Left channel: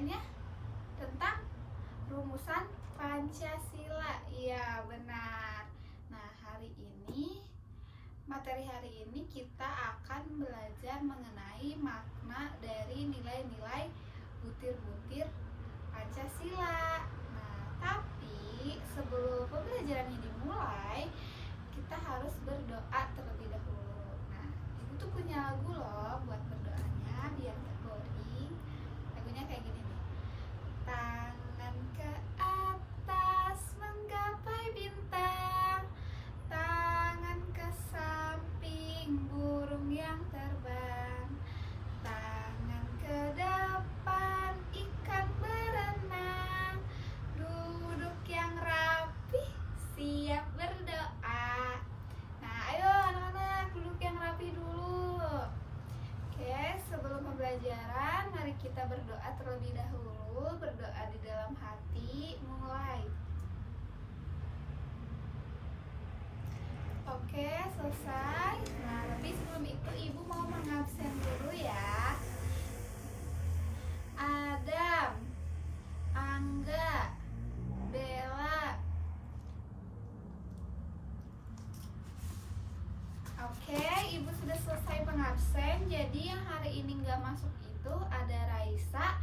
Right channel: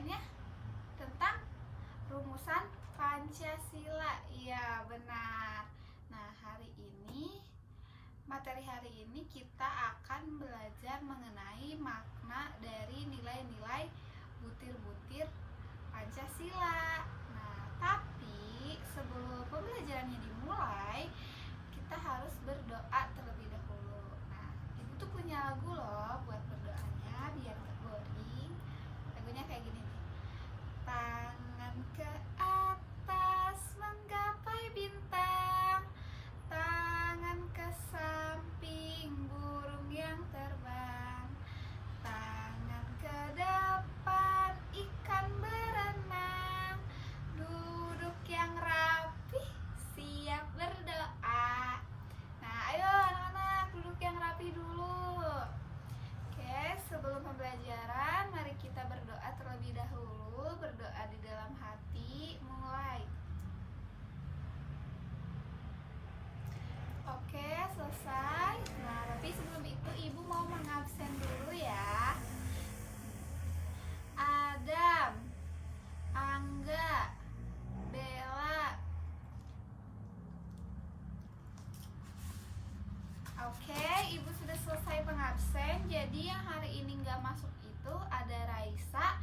ngerjainnya tentang rumusan Pancasila. Iya, benar. Nah, materi hari ini kita akan belajar mengenai makna dari nilai-nilai butir-butir Pancasila. Nah, tapi sebelum pembelajarannya dimulai, kita harus berdoa terlebih dahulu. Nah, Ibu tuh punya lagu loh buat berdoanya biar gak boring. Lagunya kayak gini nih. Tangan ke atas menggapai bintang, tangan ke samping burung yang terbang, tangan ke depan ikan berenang, duduk yang rapi siap berdoa. Nah, ayo anak-anak duduk yang rapi dulu. Oke, sebelum pembelajaran mari kita berdoa terlebih dahulu. Berdoa di dalam hati, mulai. Oke, selesai. Nah, tapi sebelum itu Ibu mau mengabsen dulu ya. Adam, Angga, Bella. Oke, Ibu sudah selesai pengabsen. Jadi yang hari ini nggak masuk itu ada Raisa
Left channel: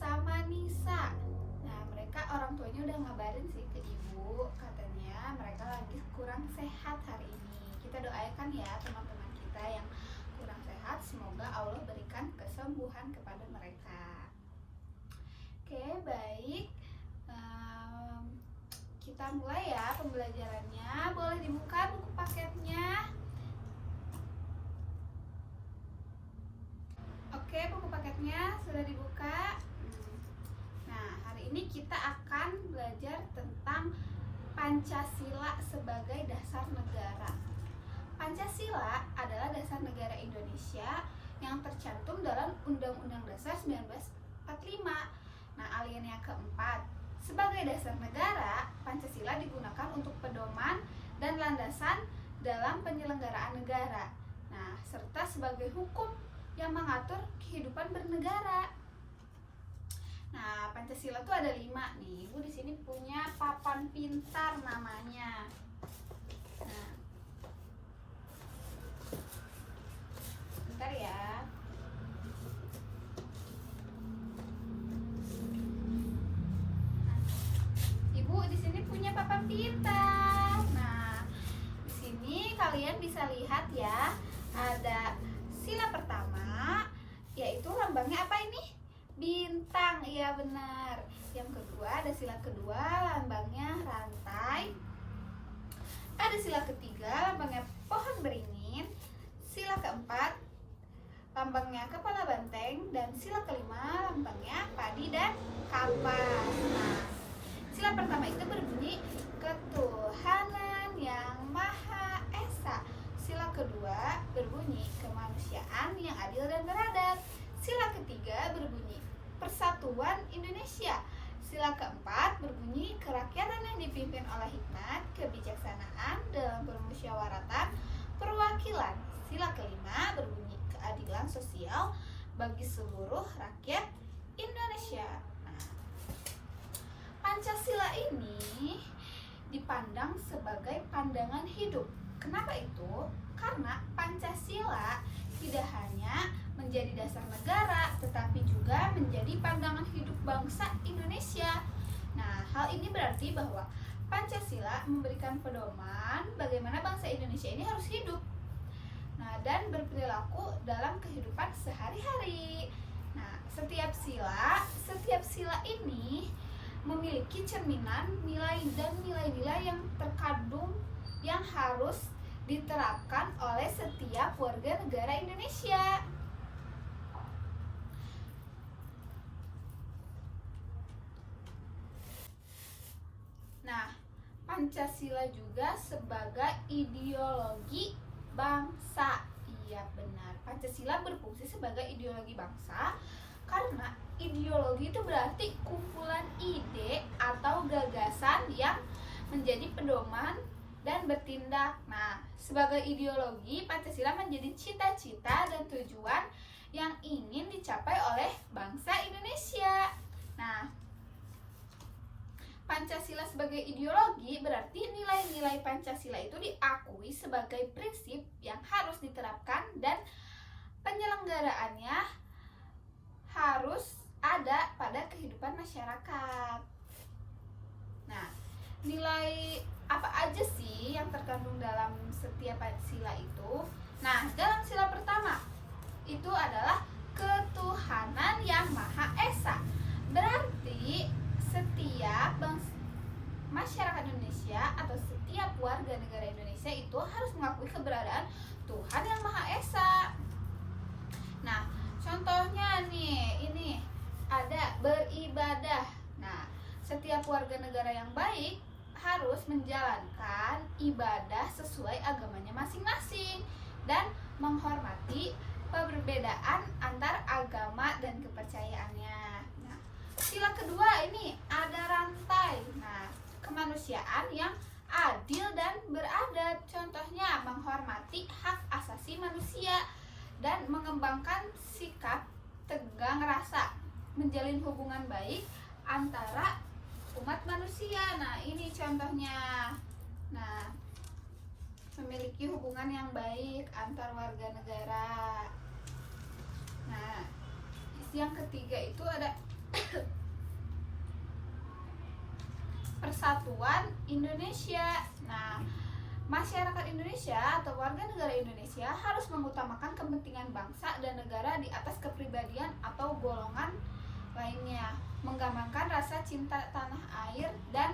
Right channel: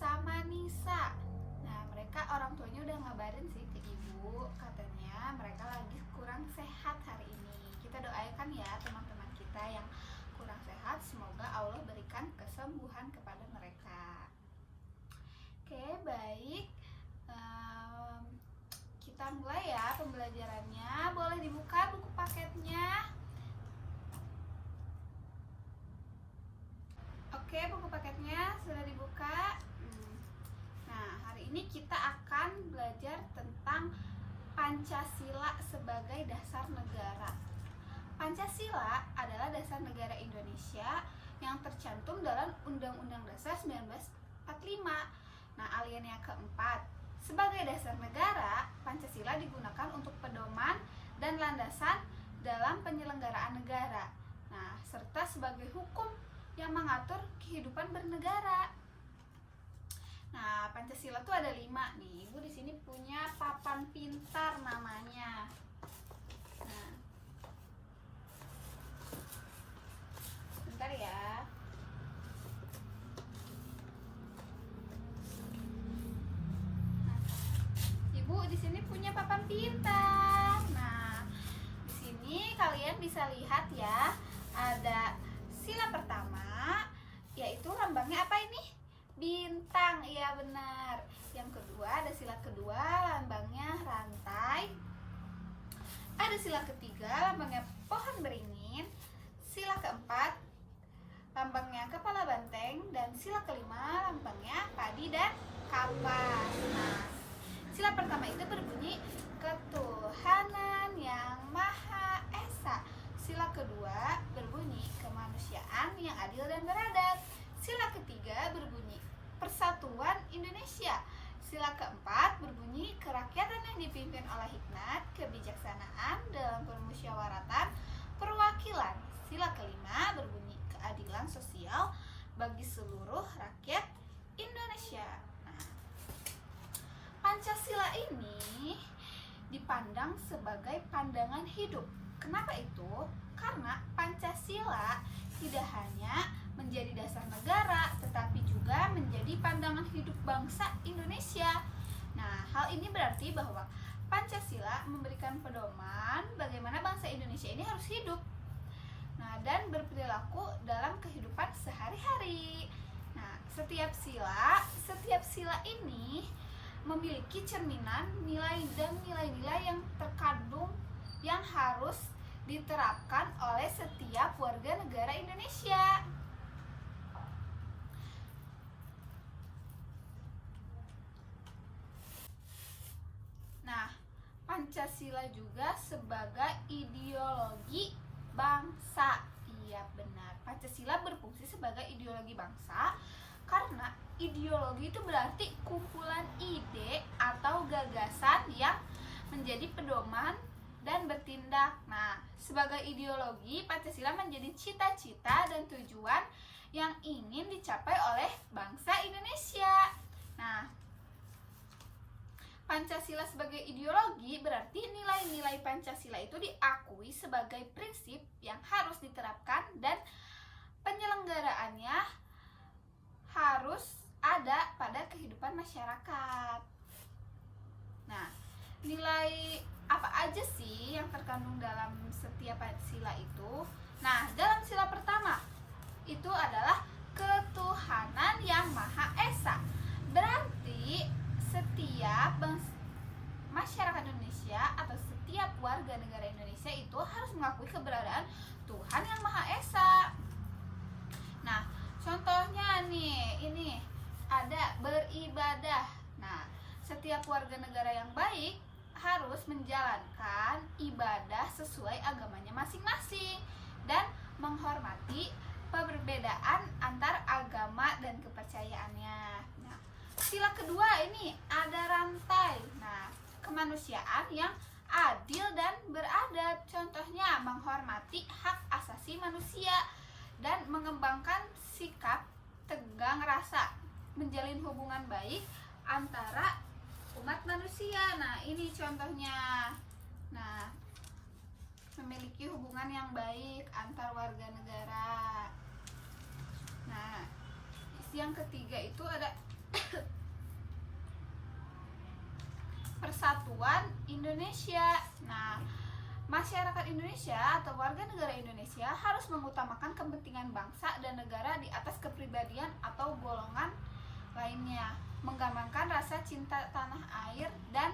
sama Nisa. Nah, mereka orang tuanya udah ngabarin sih ke Ibu, katanya mereka lagi kurang sehat hari ini. Kita doakan ya teman-teman kita yang kurang sehat, semoga Allah berikan kesembuhan kepada mereka. Oke, baik. Kita mulai ya pembelajarannya. Boleh dibuka buku paketnya. Oke, buku paketnya sudah dibuka. Nah, hari ini kita akan belajar tentang Pancasila sebagai dasar negara. Pancasila adalah dasar negara Indonesia yang tercantum dalam Undang-Undang Dasar 1945. Nah, alinea keempat. Sebagai dasar negara, Pancasila digunakan untuk pedoman dan landasan dalam penyelenggaraan negara. Nah, serta sebagai hukum yang mengatur kehidupan bernegara. Nah, Pancasila tuh ada 5 nih. Ibu di sini punya papan pintar namanya. Nah, bentar ya. Ibu di sini punya papan pintar. Nah, di sini kalian bisa lihat ya, ada sila pertama, yaitu lambangnya apa ini? Bintang, iya benar. Yang kedua, ada sila kedua, lambangnya rantai. Ada sila ketiga, lambangnya pohon beringin. Sila keempat, lambangnya kepala banteng. Dan sila kelima, lambangnya padi dan kapas. Nah, sila pertama itu berbunyi ketuhanan yang Maha Esa. Sila kedua berbunyi kemanusiaan yang adil dan beradab. Sila ketiga berbunyi Persatuan Indonesia. Sila keempat berbunyi kerakyatan yang dipimpin oleh hikmat, kebijaksanaan dalam permusyawaratan, perwakilan. Sila kelima berbunyi keadilan sosial bagi seluruh rakyat Indonesia. Nah, Pancasila ini dipandang sebagai pandangan hidup. Kenapa itu? Karena Pancasila tidak hanya menjadi dasar negara, tetapi juga menjadi pandangan hidup bangsa Indonesia. Nah, hal ini berarti bahwa Pancasila memberikan pedoman bagaimana bangsa Indonesia ini harus hidup. Nah, dan berperilaku dalam kehidupan sehari-hari. Nah, setiap sila ini memiliki cerminan nilai dan nilai-nilai yang terkandung yang harus diterapkan oleh setiap warga negara Indonesia. Nah, Pancasila juga sebagai ideologi bangsa. Iya benar, Pancasila berfungsi sebagai ideologi bangsa karena ideologi itu berarti kumpulan ide atau gagasan yang menjadi pedoman dan bertindak. Nah, sebagai ideologi, Pancasila menjadi cita-cita dan tujuan yang ingin dicapai oleh bangsa Indonesia. Nah, Pancasila sebagai ideologi berarti nilai-nilai Pancasila itu diakui sebagai prinsip yang harus diterapkan dan penyelenggaraannya harus ada pada kehidupan masyarakat. Nah, nilai apa aja sih yang terkandung dalam setiap sila itu? Nah, dalam sila pertama itu adalah ketuhanan yang Maha Esa. Berarti setiap masyarakat Indonesia atau setiap warga negara Indonesia itu harus mengakui keberadaan Tuhan yang Maha Esa. Nah, contohnya nih, ini ada beribadah. Nah, setiap warga negara yang baik harus menjalankan ibadah sesuai agamanya masing-masing dan menghormati perbedaan antar agama dan kepercayaannya. Nah, sila kedua ini ada rantai. Nah, kemanusiaan yang adil dan beradab. Contohnya menghormati hak asasi manusia dan mengembangkan sikap tegang rasa, menjalin hubungan baik antara umat manusia. Nah, ini contohnya. Nah, memiliki hubungan yang baik antar warga negara. Nah, yang ketiga itu ada Persatuan Indonesia. Nah, masyarakat Indonesia atau warga negara Indonesia harus mengutamakan kepentingan bangsa dan negara di atas kepribadian atau golongan lainnya, menggambarkan rasa cinta tanah air dan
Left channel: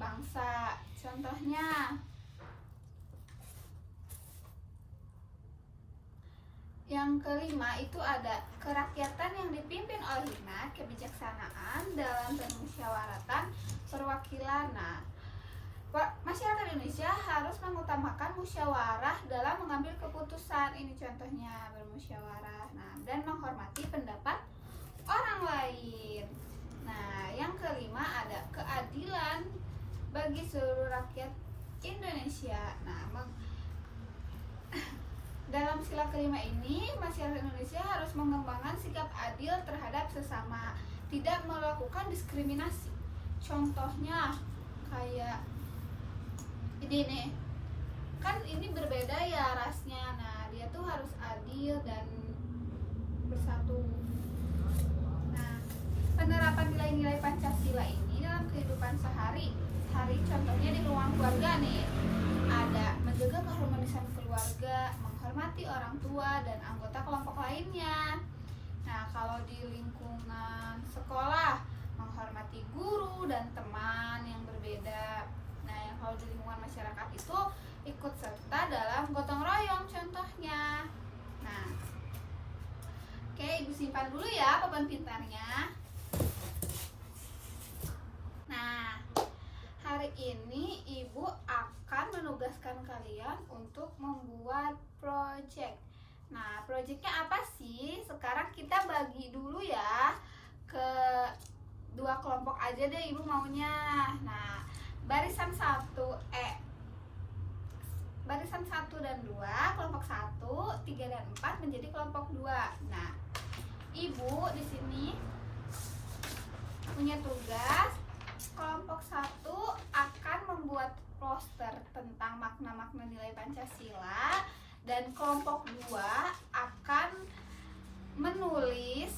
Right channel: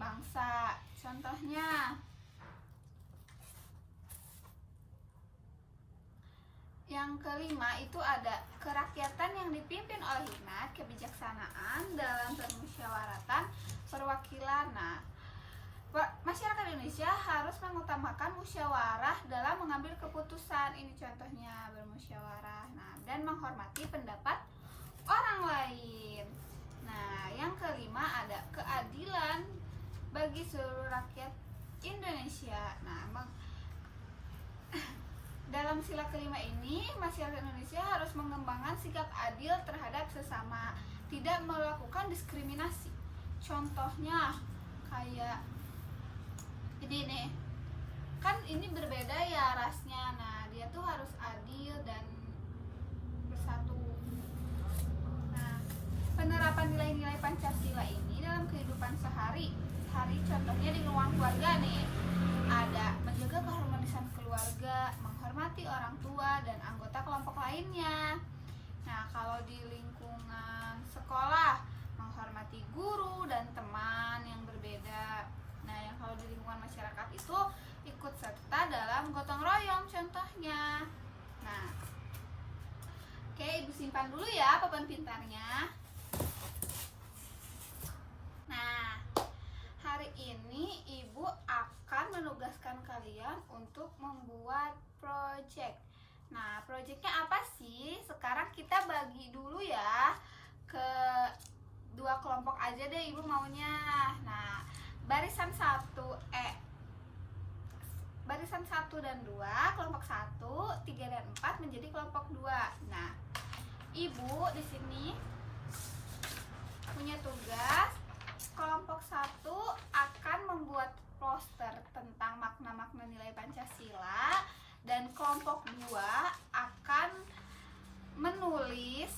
bangsa. Contohnya, yang kelima itu ada kerakyatan yang dipimpin oleh hikmat, kebijaksanaan dalam permusyawaratan perwakilan. Nah, masyarakat Indonesia harus mengutamakan musyawarah dalam mengambil keputusan. Ini contohnya bermusyawarah. Nah, dan menghormati pendapat orang lain. Nah, yang kelima ada keadilan bagi seluruh rakyat Indonesia. Nah, dalam sila kelima ini, masyarakat Indonesia harus mengembangkan sikap adil terhadap sesama, tidak melakukan diskriminasi. Contohnya kayak ini nih, kan ini berbeda ya rasnya. Nah, dia tuh harus adil dan bersatu. Nah, penerapan nilai-nilai Pancasila ini dalam kehidupan sehari-hari, contohnya di ruang keluarga nih, ada menjaga keharmonisan keluarga, menghormati orang tua dan anggota kelompok lainnya. Nah, kalau di lingkungan sekolah, menghormati guru dan teman yang berbeda. Nah, yang kalau di lingkungan masyarakat itu ikut serta dalam gotong royong contohnya. Nah, oke, Ibu simpan dulu ya papan pintarnya. Nah, hari ini Ibu akan menugaskan kalian untuk membuat project. Nah, projectnya apa sih? Sekarang kita bagi dulu ya ke dua kelompok aja deh Ibu maunya. Nah, barisan 1 dan 2, kelompok 1, 3 dan 4 menjadi kelompok 2. Nah, Ibu di sini punya tugas. Kelompok 1 akan membuat poster tentang makna-makna nilai Pancasila, dan kelompok 2 akan menulis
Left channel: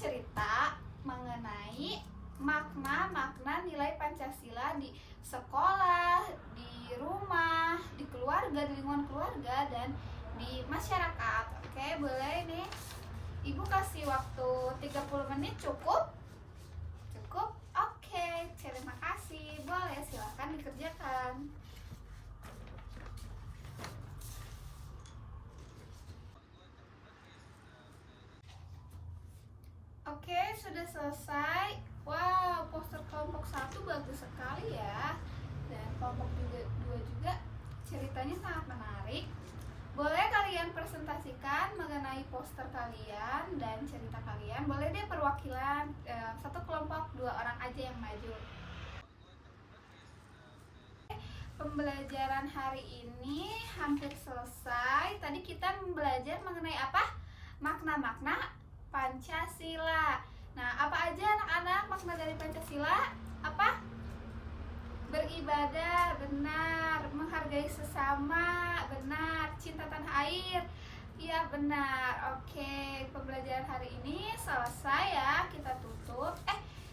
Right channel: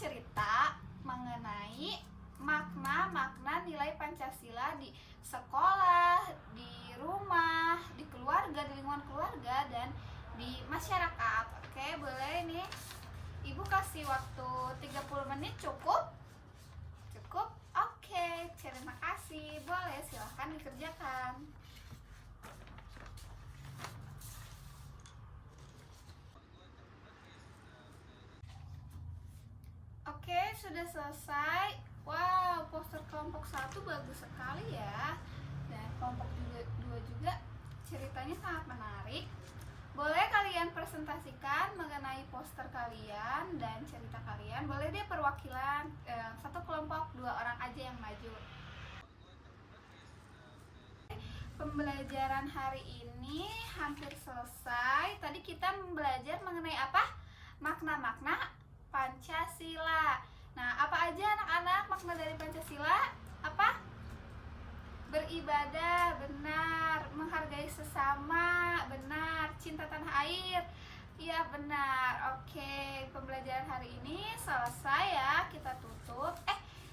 cerita mengenai makna-makna nilai Pancasila di sekolah, di rumah, di keluarga, di lingkungan keluarga, dan di masyarakat. Oke, boleh nih Ibu kasih waktu 30 menit cukup? Cukup? Oke, terima kasih. Boleh, silahkan dikerjakan. Oke, sudah selesai. Wow, poster kelompok 1 bagus sekali ya. Dan kelompok 2 juga ceritanya sangat menarik. Boleh kalian presentasikan mengenai poster kalian dan cerita kalian. Boleh deh perwakilan, satu kelompok 2 orang aja yang maju. Pembelajaran hari ini hampir selesai. Tadi kita belajar mengenai apa? Makna-makna Pancasila. Nah, apa aja anak-anak makna dari Pancasila? Apa? Beribadah, benar. Menghargai sesama, benar. Cinta tanah air, iya benar. Oke, pembelajaran hari ini selesai ya, kita tutup.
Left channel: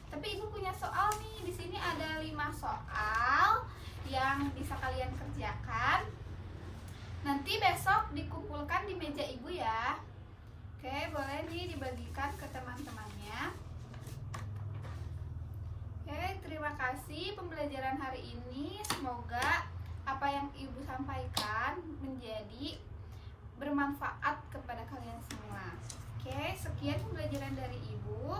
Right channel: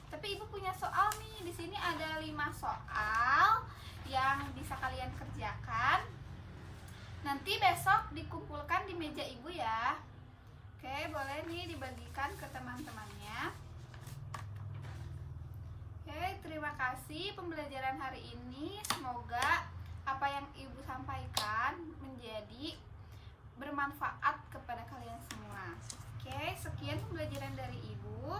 Tapi ibu punya soal nih. Di sini ada 5 soal yang bisa kalian kerjakan. Nanti besok dikumpulkan di meja ibu ya. Oke, boleh nih dibagikan ke teman-temannya. Oke, terima kasih pembelajaran hari ini. Semoga apa yang ibu sampaikan menjadi bermanfaat kepada kalian semua. Oke, sekian pembelajaran dari ibu.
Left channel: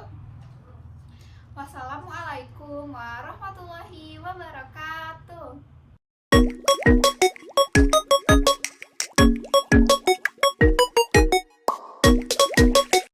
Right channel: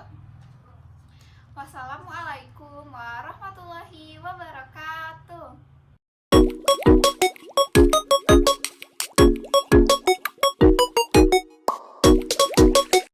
Wassalamualaikum warahmatullahi wabarakatuh.